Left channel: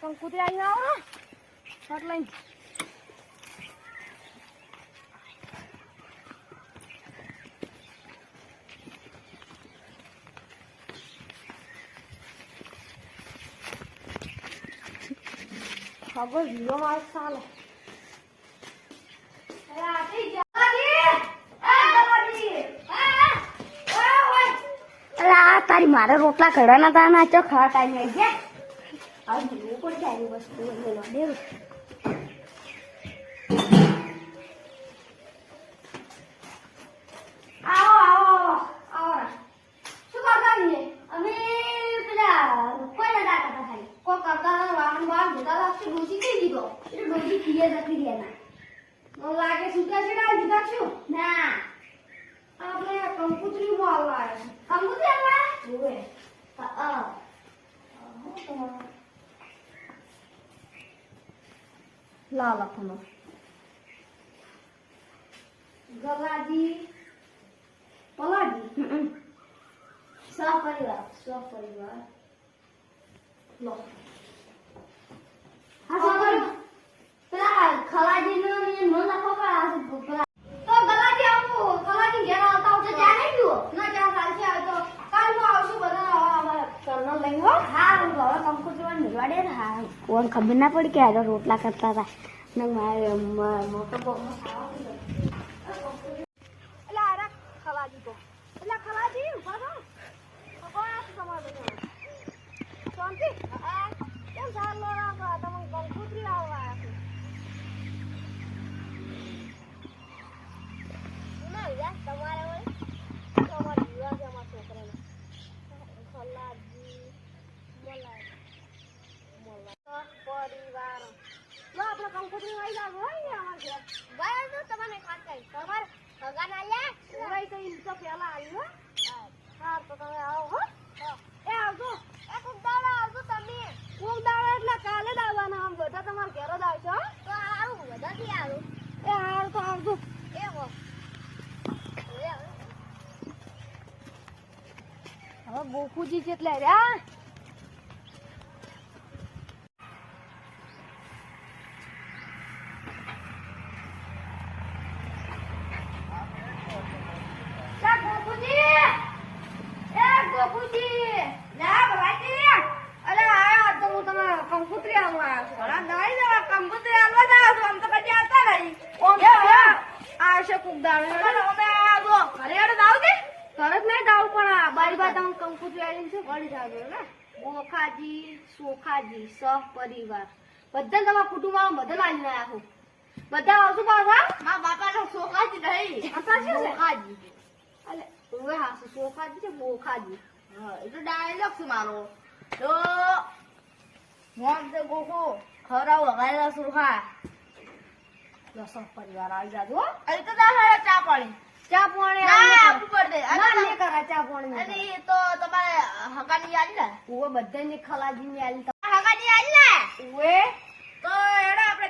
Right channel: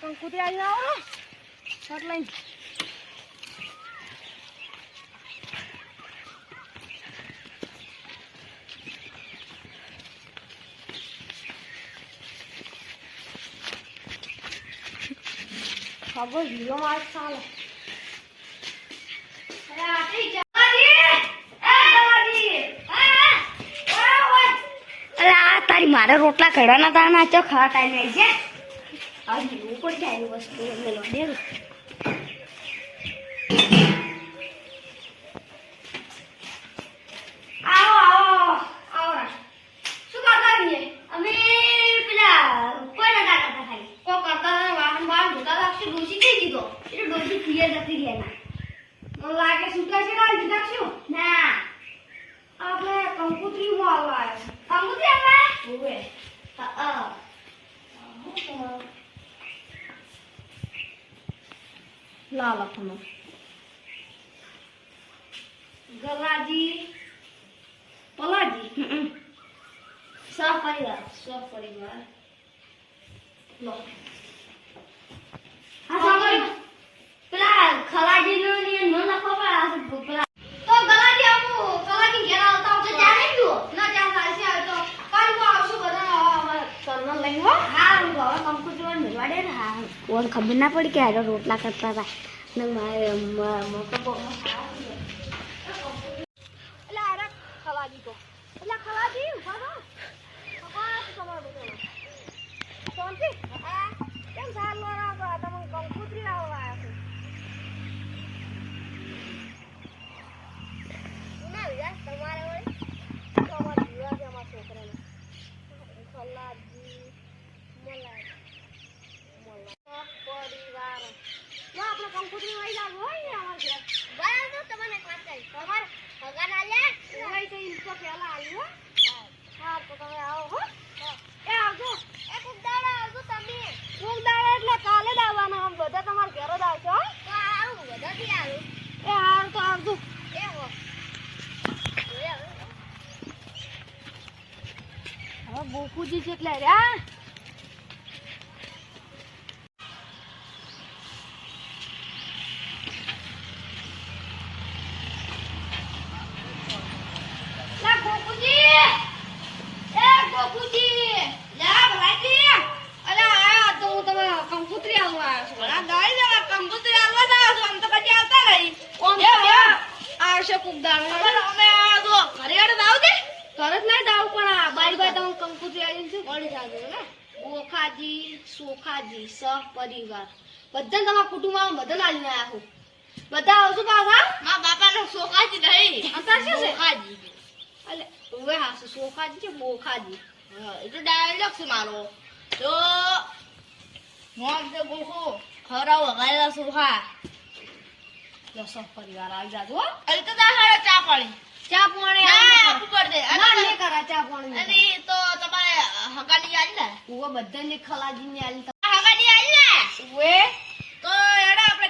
કંકુતરી આવી આવો શર્ટ લઈને ખબર હીરો માર ચાલે તારી મારે રોટલા કઢવાના હતા ના ચો ખાવા ટાઈમે આવી ગયા આજ લેવું પડશે આવી વસ્તુ મેળવા દેવું આવો આવો આવો શું કરતા રહીએ અમે પેલા કોઈ ના કરતા ખાલી કોઈ કરતા વાહન વાહન ધોતા લાગશે ડોસી કઈ દીધો એટલે ડોસી પીએ જતી રહ્યા ના મને લાગે છૂટા છે ના દીધા શું ના આપણે કંકુતરી માં આવવા કંકુતરી આપણે ઓવે હા લા લખનો ગલાજી પલાજી સપરિવાર લો હા સાંભળ પેલા ખલાજી નો ની નો લખો પેલા તો ગલાજી આવું ગલાજી ઘેર આવતા આવતા ચા નહીં પીવો ના ચા ચાલશે આવે તો કાલ હું આવશું બધા કરનો લઈ હો હા હું હવે કંકુતરી મેળવા દે હા ઓન ખબર ના પડી કે આ રોટલા કરતા હતા ને મારે મોટો બોનો એટલે આરા ખલાજી તો એટલે ખલાજી ઉભા થો કોણ તમાર બેટો શાંતિ હા કેમ સાર લો ના તમે કંકુતરી આવવા આવ્યા છો ના યાર તમારે હોય તો અમાર જીવા છે અમાર છોકરાને ખલાજી મલાઈ પરિવાર જો આપણે કંકુતરી આવી જાવ હોય ને અમાર ઘર ગયા તો તમને એક વાત કહી તમાર હગાન આલ્યા ઓય તો ઈ તો પેલા આલ્યો હા તો તમે આવો હો એ આવજો એ કુંદાડા આવજો તમે કુંદાડા એટલે કાલે જ આવવાના આમ બધા તમાર ઘરે જ આવજો તો આવું બધા થી આવું એ હાર તો આવજો એ હો હવે ગોકુજી કેટલા રહ્યા કંકુતરી આવવા આવશે કુકદાર તરત નહીં દાવ પણ બારી બાર તમે કંકુતરી આવી છે વળી જાજો ને બોખાજી સોખાજી સહપરિવાર બધા તમારા કુટુંબમાં બધા લાવીને આવ્યા છું બધા આવશું પાછા મારા બાપાનો સોખાજી નહીં અંતર શું છે સોખાજી એટલે હવે હા સોખાજી છે બોખાજી હા એ તો ડાયલોગ છે મારો તો મોમ તો ગોખો ખરાવ વગાડેલા સોખા દસો પરિવાર આવી જાજો અરે તો દાખલા ચા પાણી આપવું પડે ના લે કરા ચા પાણી અને તો તમારે હગાની આલી ને ઓવે બધાને ખલાજી ની આલી હગાની આલી ને ઓવે તો એડા આપણે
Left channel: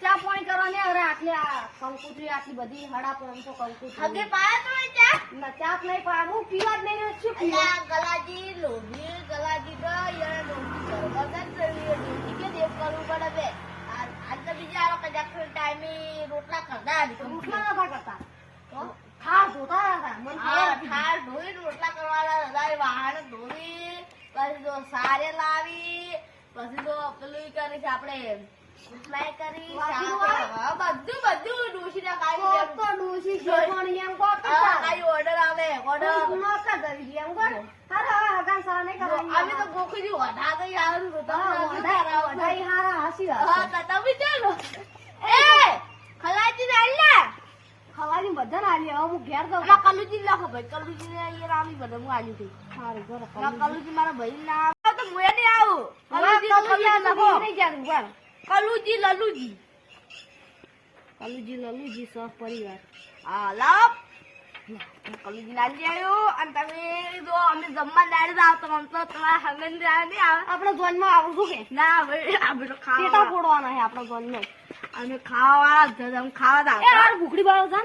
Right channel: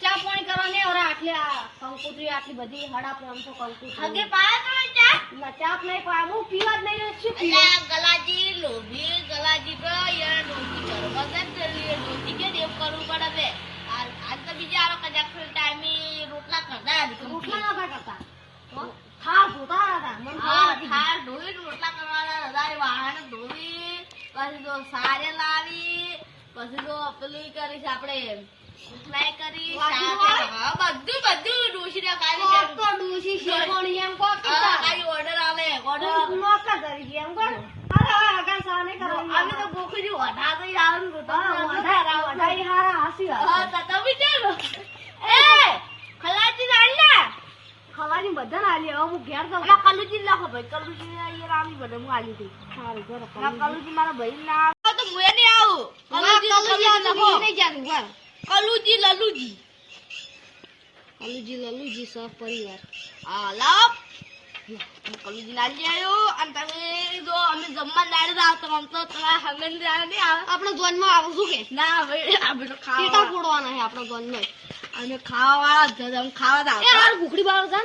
ચા પાણી કરવા ને હવે આટલે આ કંકુતરી આટલી બધી હડા 500 કંકુતરી હગે પાયા તો ચા ના ચા નહીં પાયા હું પીવા જ નહીં રહ્યો છું અલ્યા ગલાજી લોભી ગલાજી તો યાર ડોકી કરવા જ ચલી ડોકી કે દેવ કરવું પડે બે આજ તો બીજા આરો કદાચ ટાઈમે રોટલા કરતા રોટલા ના કરતા તો ખાસ હોતા હતા મન ખાસ ધોઈ રોટલા કરવાના હજારે વાહન ધોઈ પછી તો સારે લાવી પછી તો પેલું કરીશ આપણે ફ્રાય કરી હા બધું ડોશી ને કાઈ તો ડોશી શેકોણી એમ કો કાઈ ઓર્ડર આવે ઓર્ડર નોકર કરી એમ કો અરે હગા સાને કરો અમે તો ગોખી વડા તો યાર વડા હારા હાસી હા તમે ચાલો એ ખલાજી નાલ્લા ખલાજી બધા આલી હવે હું ઘેર જાઉં ના કલુજી લખો ભાઈ કલુજી યાર આમી બધા હું આલી થઈ સારું જો કલુજી મારા ભાઈ ના તો હું એ નહીં આવું કલુજી લખો નહીં જાતું બસ કલુજી લલુજી સહપરિવાર હા લાવ કલુજી નાલી આવ્યો અને તમે જો અમે જમવા નાડે આવ તો આમ તો તમારા હંગન જાય નહીં આવે આપણો જોનમાં આવશું કે ના હવે આપણે તો ખાવા ફોડવાના છે આપણો જોનમાં અને ખાવા વાળા ખાવા દાવ ભૂખડી બાળો છે